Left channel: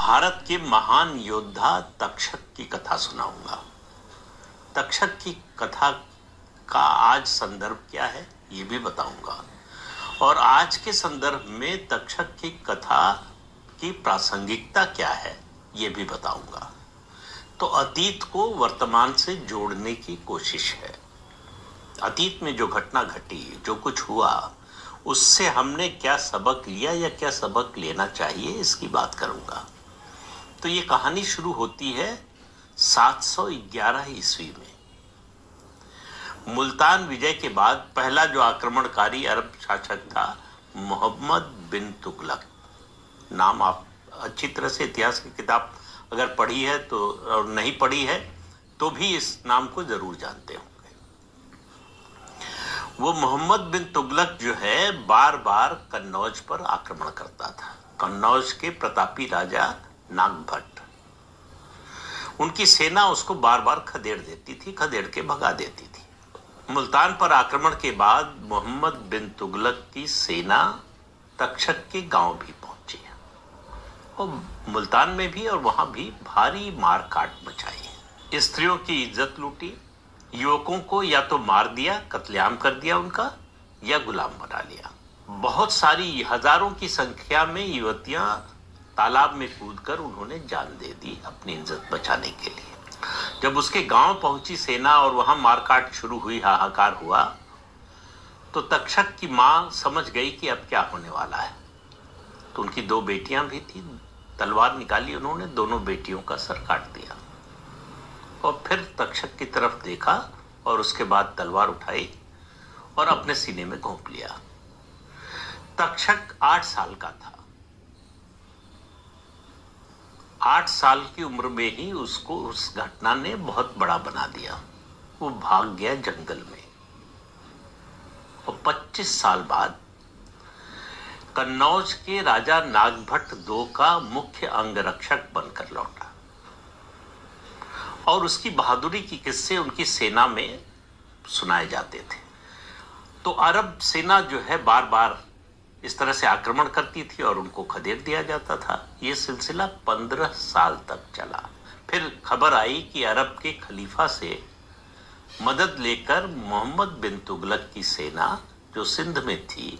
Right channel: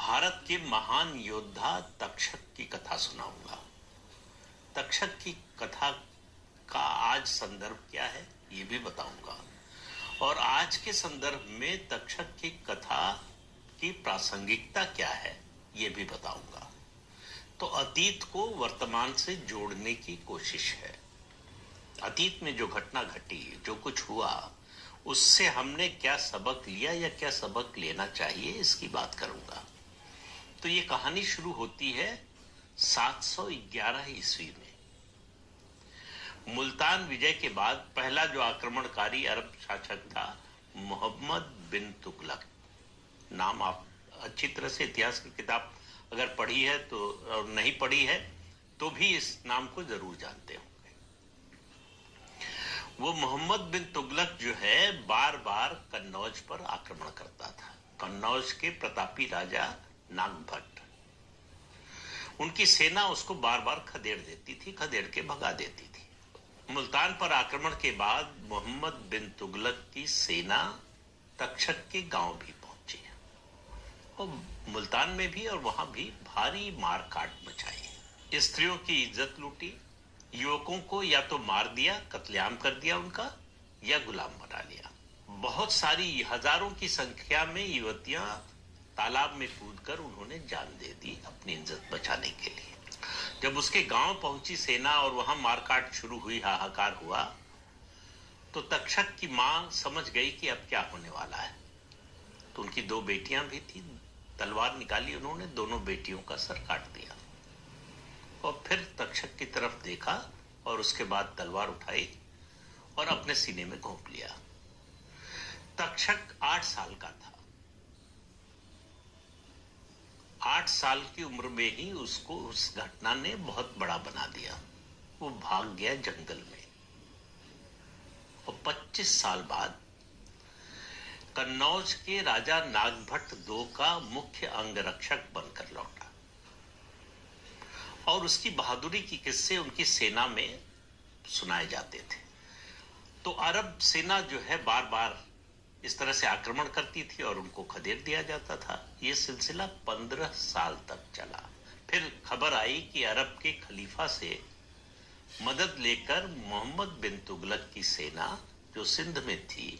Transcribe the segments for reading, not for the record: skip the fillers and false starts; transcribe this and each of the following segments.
भारत के महान योद्धा तक्षक की कथा सुनाऊंगा। तक्षक की कथा का आज संदर्भ क्या है ये भी बताऊंगा और आज के संदर्भ में तक्षक की कथा की प्रासंगिकता क्या है ये भी बताऊंगा। तो अतीत को वर्तमान से जोड़ने की कोशिश है। अतीत में जो घटना घटी, जो कुछ हुआ, उससे हमने क्या सबक लिया या क्या सबक लेना चाहिए, इसकी बात करूंगा। तो ये कहानी शुरू होती है 711 ईस्वी में। मुल्तान विजय के बाद पहला जो आक्रमणकारी अरब शासक था मोहम्मद बिन तुगलक। नाम आप अच्छी तरह से इतिहास की किताब अगर पढ़ी है तो, और नहीं पढ़ी है तो भी इस नाम को जरूर जानते होंगे। वो मोहम्मद बिन तुगलक जो है बार बार कन्नौज पर आक्रमण करता था। कन्नौज के प्रतापी राजा नागभट्ट, उनकी सेना उसको बार बार खदेड़ देती थी, खदेड़ के भगा देती थी। मुल्तान पर आक्रमण के बाद मोहम्मद बिन तुगलक की सेना तक्षक के गांव भी पहुंची और मुल्तान में भी और वहां भी भारी मार काट मचाई। स्त्रियों की इज्जत लूटी, युवकों को या तो मार दिया, कत्लेआम कर दिया उनका, या गुलाम बना लिया। बहुत सारी हजारों की संख्या में युवतियां तालाब में कूदकर उन्होंने जान दे दी अपनी इज्जत बचाने के लिए। जब उसके गांव पहुंची सेना और वहां मारकाट शुरू हुई, हाहाकार हुआ, तो तक्षक की मां समझ गई कि अब क्या होने वाला है। तो उनकी दो बेटियां भी थी, तलवार निकाली उन्होंने, दोनों बेटियों का सर काट दिया और फिर तक्षक की तरफ देखा और उसके बाद तलवार उठाई और अपने सीने में घोंप लिया। तक्षक 8 साल का था। 8 साल की उम्र में ही उसको उस घटना ने बहुत बड़ा बना दिया। वो भाग गया जंगल में और 25 साल बाद कन्नौज के राजा नागभट्ट II का मुख्य अंगरक्षक बनकर लौटा और उसकी बहादुरी की किस्से उनकी सेना में सुनाए जाते थे। तो अरब सेना जो है बार बार इस तरह से आक्रमण करती थी और उनको खदेड़ दिया जाता था। ये सिलसिला 15 साल तक चला। फिर खबर आई कि अरब के खलीफा से मदद लेकर मोहम्मद बिन तुगलक की सेना जो सिंध में थी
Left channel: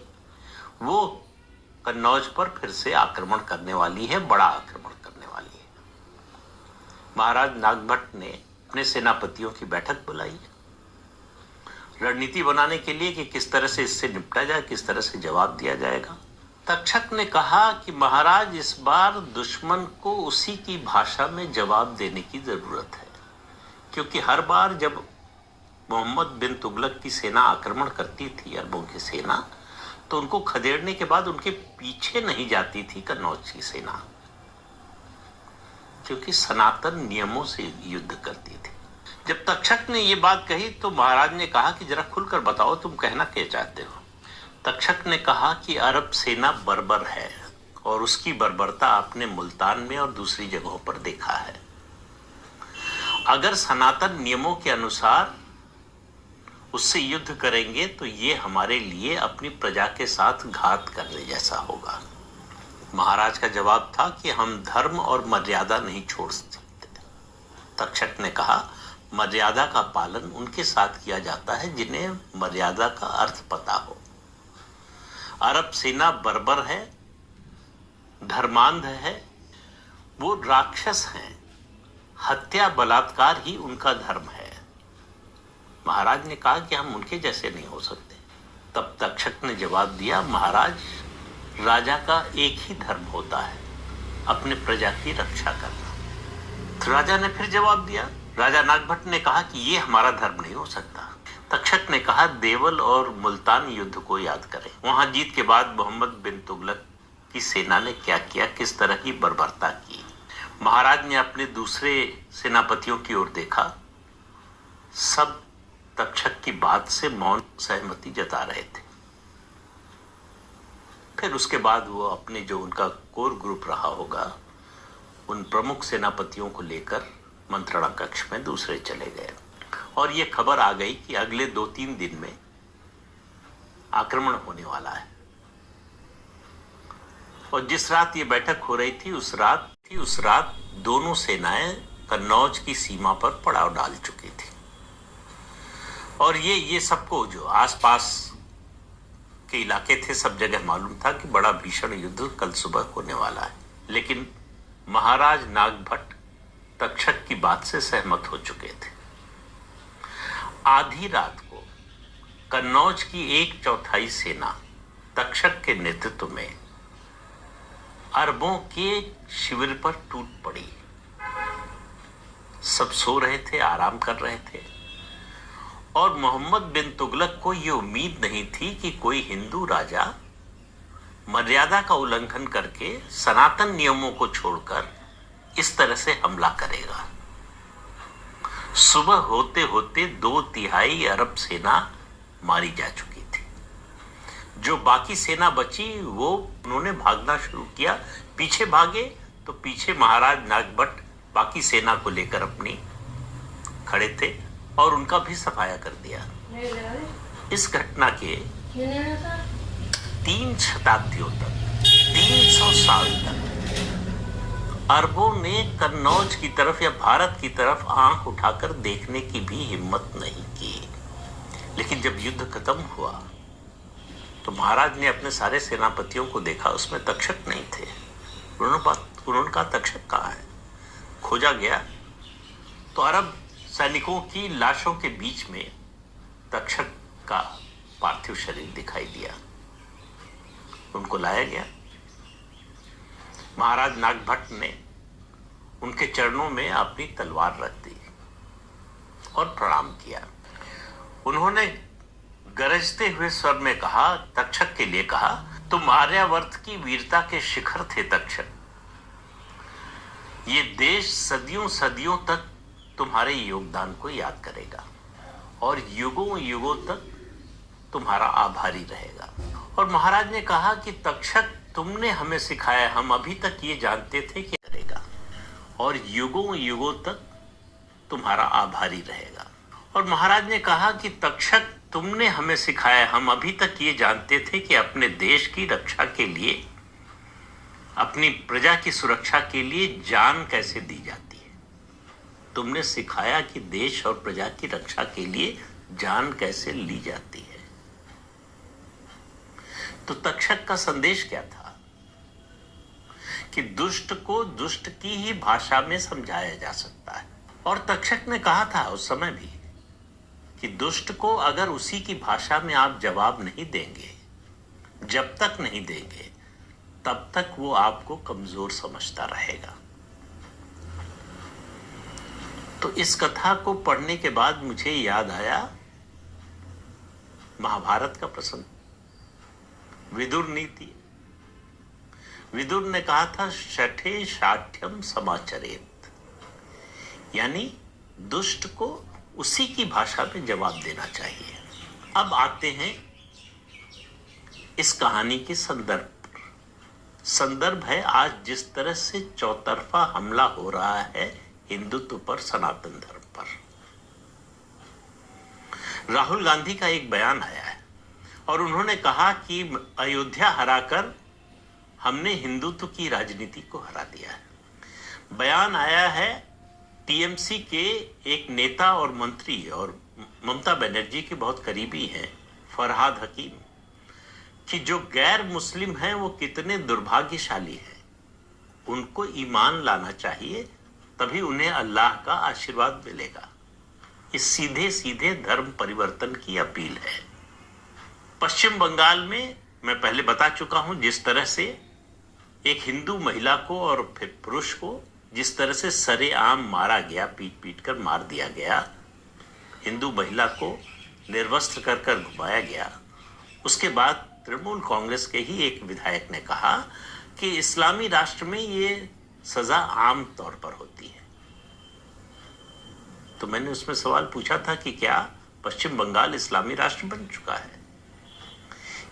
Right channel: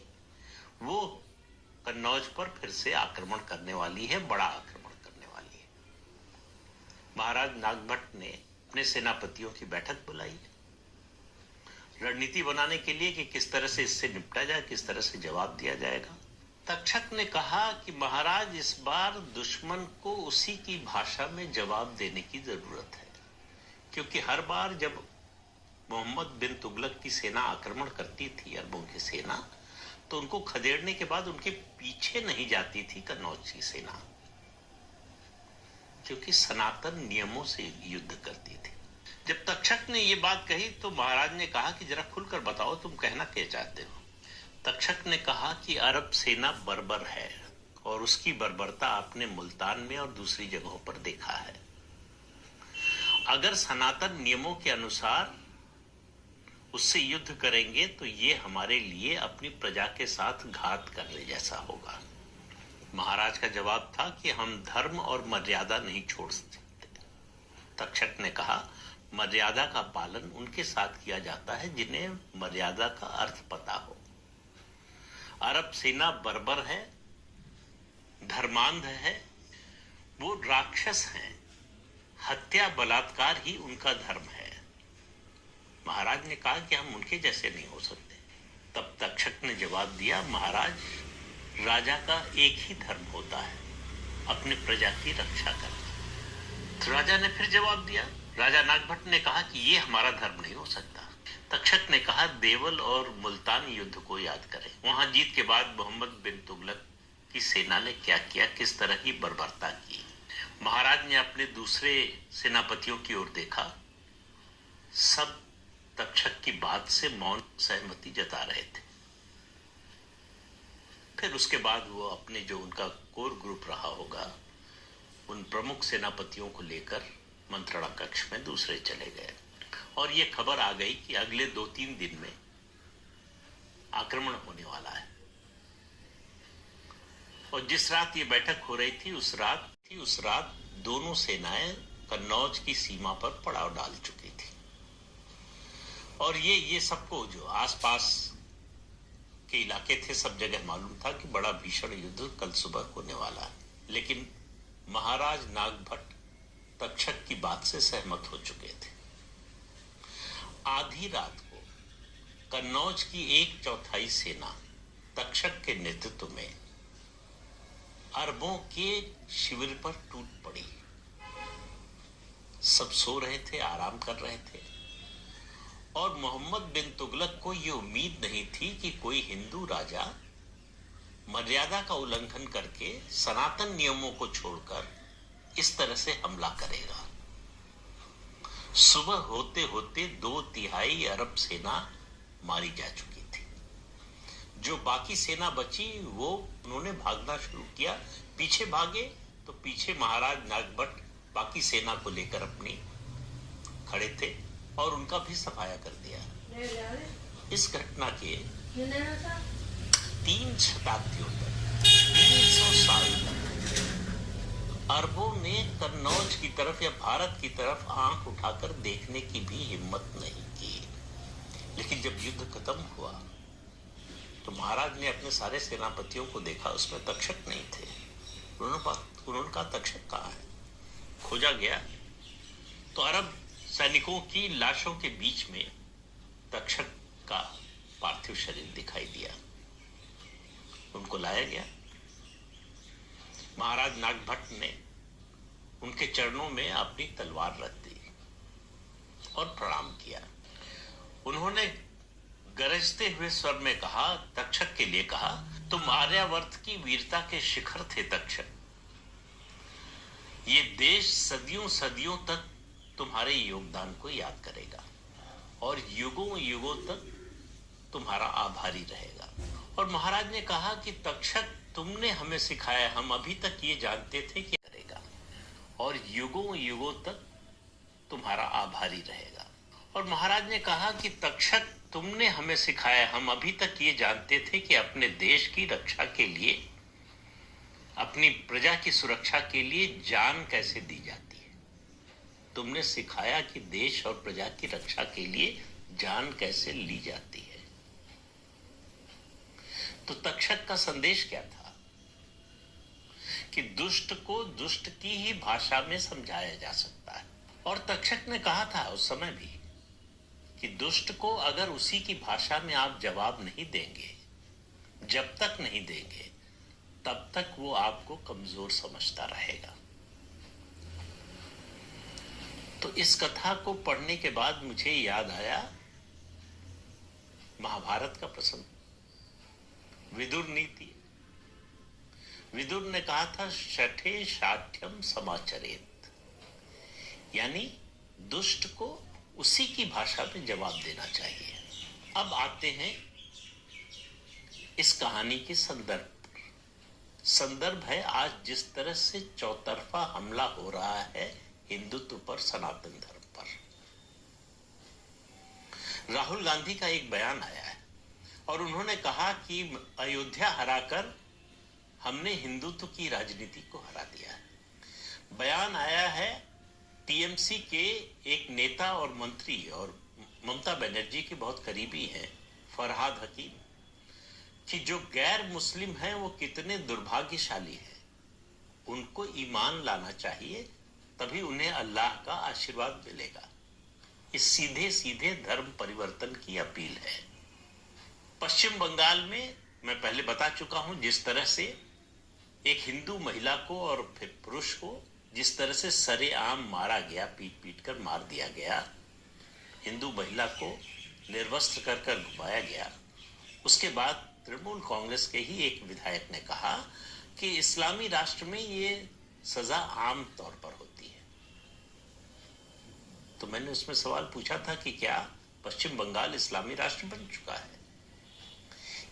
वो कन्नौज पर फिर से आक्रमण करने वाली है, बड़ा आक्रमण करने वाली है। महाराज नागभट्ट ने अपने सेनापतियों की बैठक बुलाई रणनीति बनाने के लिए कि किस तरह से इससे निपटा जाए, किस तरह से जवाब दिया जाएगा। तक्षक ने कहा कि महाराज, इस बार दुश्मन को उसी की भाषा में जवाब देने की जरूरत है, क्योंकि हर बार जब मोहम्मद बिन तुगलक की सेना आक्रमण करती थी, अरबों की सेना, तो उनको खदेड़ने के बाद उनके पीछे नहीं जाती थी कन्नौज की सेना, क्योंकि सनातन नियमों से युद्ध करती थी। जब तक्षक ने ये बात कही तो महाराज ने कहा कि जरा खुलकर बताओ तुम कहना क्या चाहते हो। तक्षक ने कहा कि अरब सेना बर्बर है और उसकी बर्बरता आपने मुल्तान में और दूसरी जगहों पर देखा है। अगर सनातन नियमों के अनुसार उससे युद्ध करेंगे तो ये हमारे लिए अपनी प्रजा के साथ घात करने जैसा होगा। महाराज का जवाब था कि हम धर्म और मर्यादा नहीं छोड़ सकते। तक्षक ने कहा, मर्यादा का पालन उनके साथ किया जाता है जिन्हें मर्यादा का अर्थ पता हो। अरब सेना बर्बर है, धर्मांध है, वो राक्षस हैं, हत्या बलात्कार ही उनका धर्म है। महाराज ने कहा कि हम उनके जैसे नहीं हो सकते। तब तक्षक ने जवाब दिया, महाराज, राजा का एक ही धर्म होता है, अपने प्रजा की रक्षा करना। तो राजा ने फिर जवाब दिया, राजा नागभट्ट ने कहा कि ये हमारा धर्म नहीं हो सकता। तक्षक ने कहा, देवल और मुल्तान युद्ध को याद करें। वहां जीत के बाद मोहम्मद बिन तुगलक की सेना ने क्या किया, किस तरह की बर्बरता की। महाराज ने अपने दूसरे सेनापतियों की ओर देखा, सब तक्षक की बात से मौन सहमति जता रहे थे। फिर उसके बाद वो अपने जो उनका कोर ग्रुप रहा होगा उन प्रमुख सेनापतियों को लेकर मंत्रणा कक्ष में दूसरे चले गए और ये खबर आ गई कि अगले 2-3 दिन में आक्रमण होने वाला है। और जिस रात ये बैठक हो रही थी उस रात दोनों सेनाएं कन्नौज की सीमा पर पड़ाव डाल चुकी थी। और ये सबको जो आसपास के इलाके थे सब जगह मालूम था कि बड़ा भीषण युद्ध कल सुबह होने वाला है। लेकिन महाराज नागभट्ट तक्षक की बात से सहमत हो चुके थे। आधी रात को कन्नौज की 1/4 सेना तक्षक के नेतृत्व में अरबों के शिविर पर टूट पड़ी। सब सो रहे थे, आराम कर रहे थे और मोहम्मद बिन तुगलक को यह उम्मीद नहीं थी कि कोई हिंदू राजा मर्यादा का उल्लंघन करके सनातन नियमों को छोड़कर इस तरह से हमला करेगा। सुबह होते होते 2/3 अरब सेना मारी जा चुकी थी। जो बाकी सेना बची वो उन्होंने भागना शुरू किया। पीछे भागे तो पीछे महाराज नागभट्ट बाकी सेना को लेकर अपनी खड़े थे और उनका भी सफाया कर दिया। इस घटना के 3 शताब्दियों तक 300 साल तक अरबों ने कन्नौज की तरफ या भारत की तरफ आंख उठाकर देखने की भी हिम्मत नहीं की। लेकिन जब युद्ध खत्म हुआ तो महाराज ने अपने सारे सेनापतियों को देखा, उसमें तक्षक नहीं थे। उन्होंने कहा तक्षक कहाँ है? खोजा गया तो अरब सैनिकों की लाशों के बीच में तक्षक का पार्थिव शरीर दिखाई दिया। उनको लाया गया। महाराज नागभट्ट ने उनके चरणों में अपनी तलवार रख दी और प्रणाम किया। उन्होंने गरजते हुए स्वर में कहा, तक्षक के लिए कहा, तुम आर्यावर्त की वीरता के शिखर थे तक्षक। ये देश सदियों सदियों तक तुम्हारे योगदान को याद करेगा और युगों युगों तक तुम्हारा आभारी रहेगा। और महाराज ने कहा कि तक्षक तुमने हमें सिखाया, हम अभी तक ये जानते थे कि करेगा और युगों युगों तक तुम्हारा आभारी रहेगा। और महाराज ने कहा कि तक्षक तुमने हमें सिखाया, हम अभी तक ये जानते थे कि अपने देश की रक्षा के लिए, अपनी प्रजा की सुरक्षा के लिए जान कैसे दी जाती है। तुमने सिखाया कि देश और प्रजा की रक्षा के लिए जान कैसे ली जाती है। तो तक्षक का संदेश क्या था कि दुष्ट को दुष्ट की ही भाषा में समझाया जा सकता है। और तक्षक ने कहा था उस समय भी कि दुष्ट को अगर उसी की भाषा में आप जवाब नहीं देंगे, जब तक नहीं देंगे, तब तक वो आपको कमजोर समझता रहेगा। तो इस कथा को पढ़ने के बाद मुझे याद आया महाभारत का प्रसंग, विदुर नीति। विदुर ने कहा था शठे शाठ्यम समाचरेत, यानी दुष्ट को उसी की भाषा में जवाब देना चाहिए। अब आते हैं इस कहानी के संदर्भ पर। संदर्भ है आज जिस तरह से चौतरफा हमला हो रहा है हिंदुत्व पर, सनातन धर्म पर। राहुल गांधी का एक बयान आया है और उन्होंने कहा कि अयोध्या हराकर हमने हिंदुत्व की राजनीति को हरा दिया है। बयान आया है टीएमसी के एक नेता और मंत्री और ममता बनर्जी के बहुत करीबी हैं फरहाद हकीम, कि जो गैर मुस्लिम हैं वो कितने दुर्भाग्यशाली हैं, उनको ईमान लाना चाहिए, तभी उन्हें अल्लाह का आशीर्वाद मिलेगा। इस सीधे सीधे धर्म परिवर्तन की अपील है। पश्चिम बंगाल में मैं पहले बता चुका हूं जिस तरह से एक हिंदू महिला को और फिर पुरुष को जिस तरह से सरेआम मारा गया, पीट पीट कर मार दिया गया, हिंदू महिला को निर्वस्त्र कर कर घुमाया गया। उसके बाद तृणमूल कांग्रेस के ही एक विधायक ने कहा कि इस्लामी राष्ट्र में ये सजा आम तौर पर होती है। तो मैंने उसमें सवाल पूछा था कि क्या पश्चिम बंगाल इस्लामी राष्ट्र बन चुका है?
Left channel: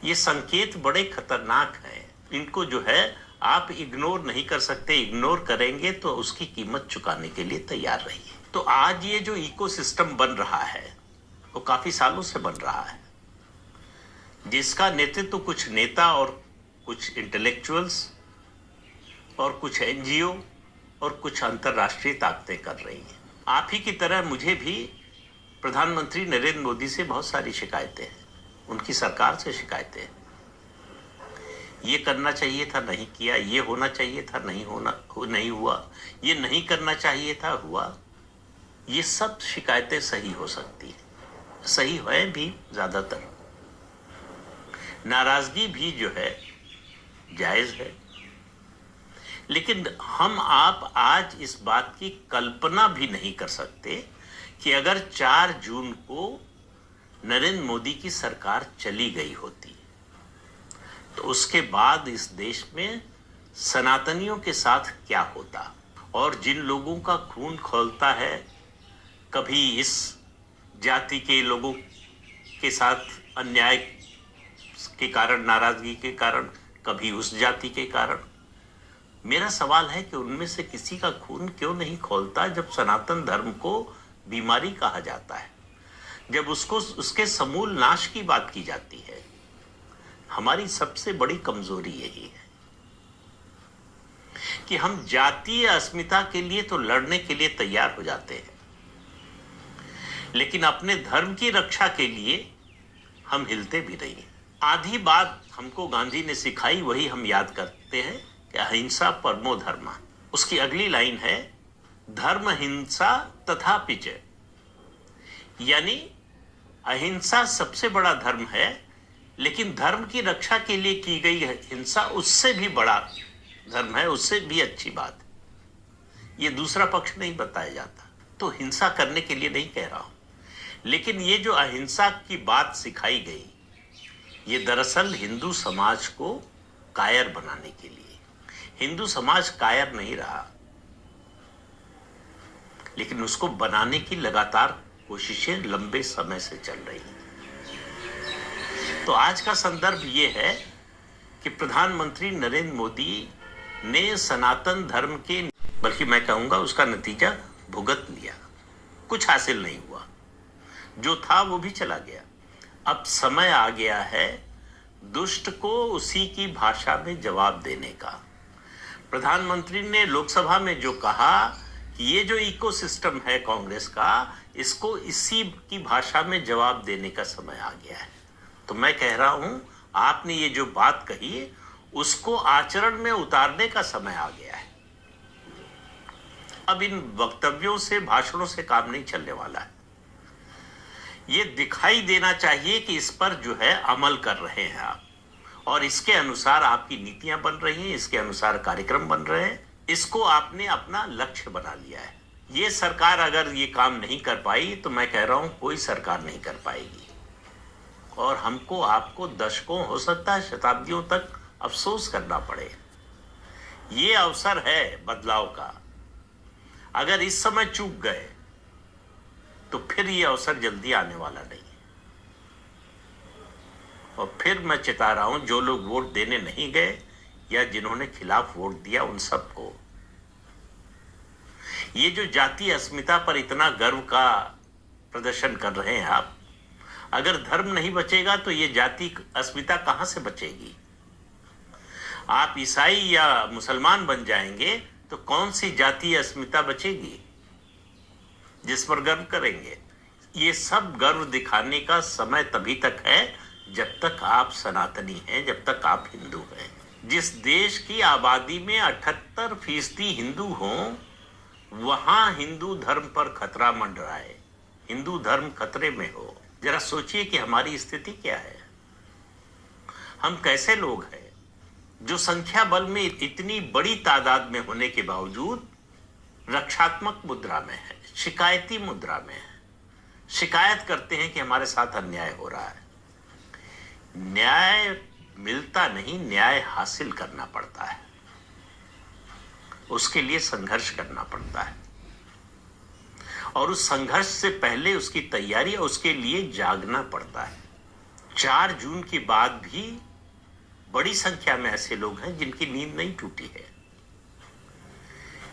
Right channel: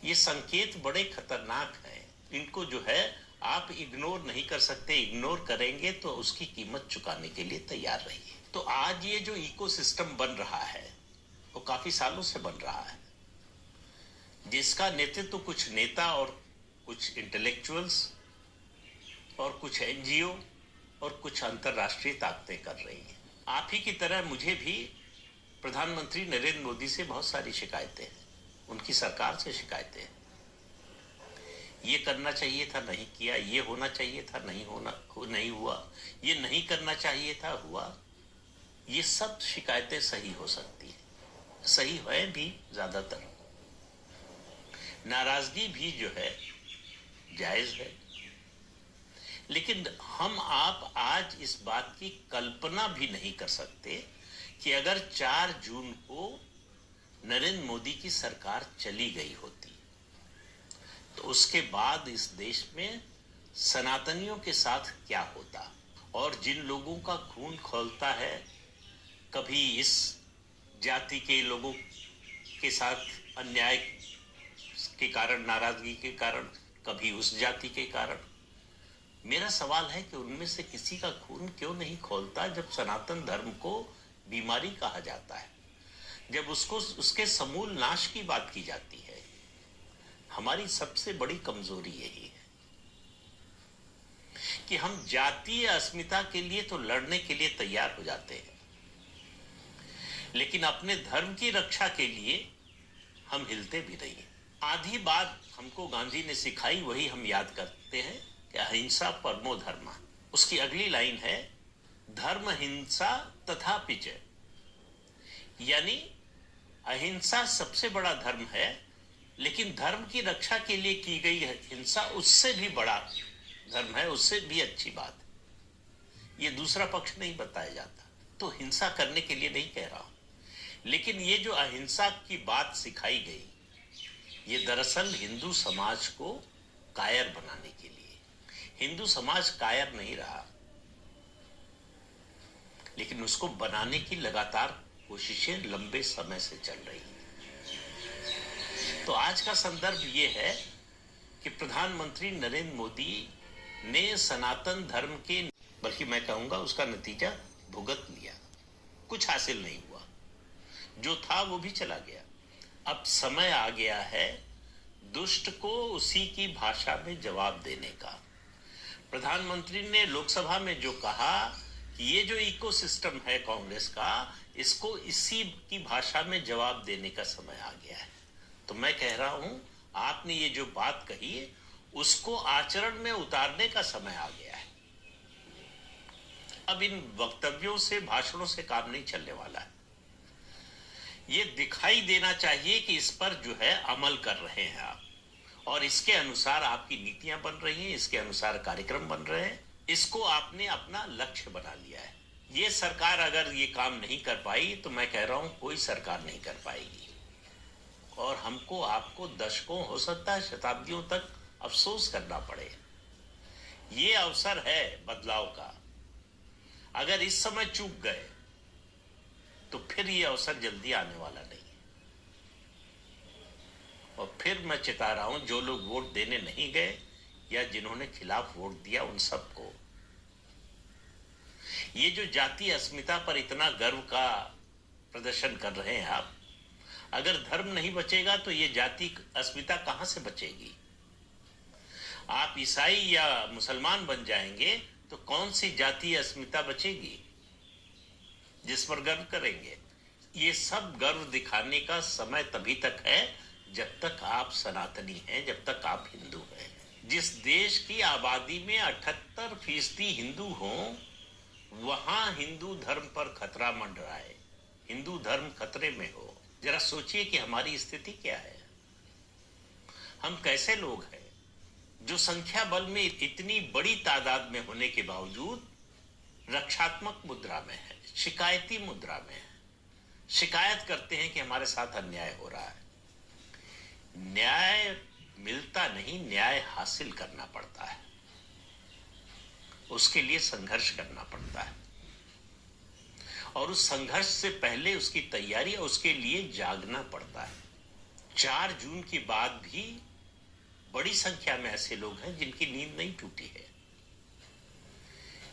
ये संकेत बड़े खतरनाक हैं। इनको जो है आप इग्नोर नहीं कर सकते। इग्नोर करेंगे तो उसकी कीमत चुकाने के लिए तैयार रहिए। तो आज ये जो इकोसिस्टम बन रहा है वो काफी सालों से बन रहा है, जिसका नेतृत्व कुछ नेता और कुछ इंटेलेक्चुअल्स और कुछ एनजीओ और कुछ अंतर्राष्ट्रीय ताकतें कर रही हैं। आप ही की तरह मुझे भी प्रधानमंत्री नरेंद्र मोदी से बहुत सारी शिकायतें हैं, उनकी सरकार से शिकायतें हैं। ये करना चाहिए था, नहीं किया, ये होना चाहिए था, नहीं हुआ, ये नहीं करना चाहिए था, हुआ। ये सब शिकायतें सही हो सकती है, सही है भी ज्यादातर। नाराजगी भी जो है जायज है, लेकिन हम आप आज इस बात की कल्पना भी नहीं कर सकते कि अगर 4 जून को नरेंद्र मोदी की सरकार चली गई होती तो उसके बाद इस देश में सनातनियों के साथ क्या होता। और जिन लोगों का खून खौलता है, कभी इस जाति के लोगों के साथ अन्याय के कारण, नाराजगी के कारण, कभी उस जाति के कारण, मेरा सवाल है कि उनमें से किसी का खून क्यों नहीं खौलता जब सनातन धर्म को बीमारी कहा जाता है, जब उसको उसके समूल नाश की बात की जाती है। हमारी सबसे बड़ी कमजोरी यही है कि हम जातीय अस्मिता के लिए तो लड़ने के लिए तैयार हो जाते हैं, लेकिन अपने धर्म की रक्षा के लिए हम हिलते भी नहीं। आधी बात हमको गांधी ने सिखाई, वही हम याद करते हैं कि अहिंसा परमो धर्म। उसकी अगली लाइन है धर्म हिंसा तथा पिच, यानी अहिंसा सबसे बड़ा धर्म है, लेकिन धर्म की रक्षा के लिए की गई हिंसा उससे भी बड़ा धर्म है, उससे भी अच्छी बात। ये दूसरा पक्ष नहीं बताया जाता। तो हिंसा करने के लिए नहीं कह रहा हूं, लेकिन ये जो अहिंसा की बात सिखाई गई, ये दरअसल हिंदू समाज को कायर बनाने के लिए। हिंदू समाज कायर नहीं रहा, लेकिन उसको बनाने की लगातार कोशिशें लंबे समय से चल रही हैं। तो आज का संदर्भ ये है कि प्रधानमंत्री नरेंद्र मोदी ने सनातन धर्म के, बल्कि मैं कहूंगा उसका नतीजा भुगत लिया। कुछ हासिल नहीं हुआ, जो था वो भी चला गया। अब समय आ गया है दुष्ट को उसी की भाषा में जवाब देने का। प्रधानमंत्री ने लोकसभा में जो कहा कि ये जो इकोसिस्टम है कांग्रेस का, इसको इसी की भाषा में जवाब देने का समय आ गया है। तो मैं कह रहा हूं, आपने ये जो बात कही उसको आचरण में उतारने का समय आ गया है। अब इन वक्तव्यों से, भाषणों से काम नहीं चलने वाला है। ये दिखाई देना चाहिए कि इस पर जो है अमल कर रहे हैं आप, और इसके अनुसार आपकी नीतियां बन रही हैं, इसके अनुसार कार्यक्रम बन रहे हैं। इसको आपने अपना लक्ष्य बना लिया है। ये सरकार अगर ये काम नहीं कर पाई तो मैं कह रहा हूं कोई सरकार नहीं कर पाएगी, और हमको, आपको दशकों, हो सकता है शताब्दियों तक अफसोस करना पड़े। ये अवसर है बदलाव का। अगर इस समय चूक गए तो फिर ये अवसर जल्दी आने वाला नहीं है। और फिर मैं चिता रहा हूं, जो लोग वोट देने नहीं गए या जिन्होंने खिलाफ वोट दिया, उन सबको। ये जो जातीय अस्मिता पर इतना गर्व का प्रदर्शन कर रहे हैं आप, अगर धर्म नहीं बचेगा तो ये जाति अस्मिता कहां से बचेगी? आप ईसाई या मुसलमान बन जाएंगे तो कौन सी जातीय अस्मिता बचेगी जिस पर गर्व करेंगे? ये सब गर्व दिखाने का समय तभी तक है जब तक आप सनातनी हैं, जब तक आप हिंदू हैं। जिस देश की आबादी में 78% हिंदू हों, वहां हिंदू धर्म पर खतरा मंडराए, हिंदू धर्म खतरे में हो। जरा सोचिए कि हमारी स्थिति क्या है। हम कैसे लोग हैं जो संख्या बल में इतनी बड़ी तादाद में होने के बावजूद रक्षात्मक मुद्रा में है, शिकायती मुद्रा में है। शिकायत करते हैं कि हमारे साथ अन्याय हो रहा है। न्याय मिलता नहीं, न्याय हासिल करना पड़ता है, उसके लिए संघर्ष करना पड़ता है, और उस संघर्ष से पहले उसकी तैयारी और उसके लिए जागना पड़ता है। 4 जून के बाद भी बड़ी संख्या में ऐसे लोग हैं जिनकी नींद नहीं टूटी है,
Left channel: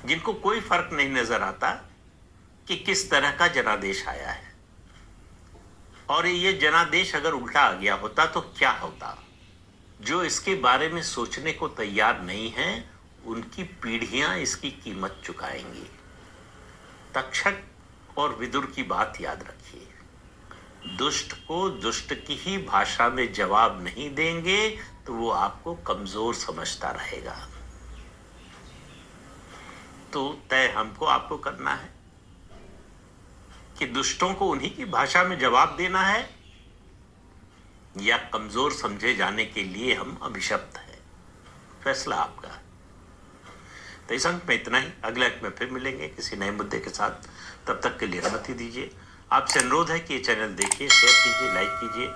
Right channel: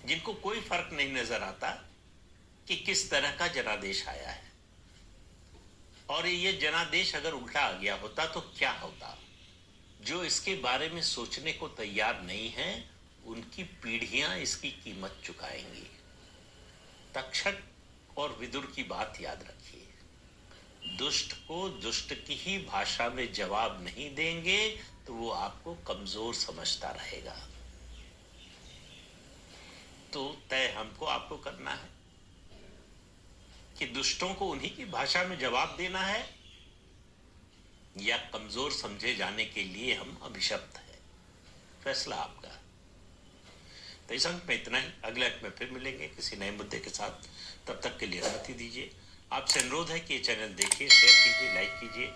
जिनको कोई फर्क नहीं नजर आता कि किस तरह का जनादेश आया है। और ये जनादेश अगर उल्टा आ गया होता तो क्या होता? जो इसके बारे में सोचने को तैयार नहीं है उनकी पीढ़ियां इसकी कीमत चुकाएंगी। तक्षक और विदुर की बात याद रखिए, दुष्ट को दुष्ट की ही भाषा में जवाब नहीं देंगे तो वो आपको कमजोर समझता रहेगा। तो तय हमको आपको करना है कि दुष्टों को उन्हीं की भाषा में जवाब देना है या कमजोर समझे जाने के लिए हम अभिशप्त है। फैसला आपका। तो इस अंक में इतना ही। अगले अंक में फिर मिलेंगे किसी नए मुद्दे के साथ। तब तक के लिए अनुमति दीजिए। आपसे अनुरोध है कि ये चैनल देखिए, शेयर कीजिए, लाइक कीजिए।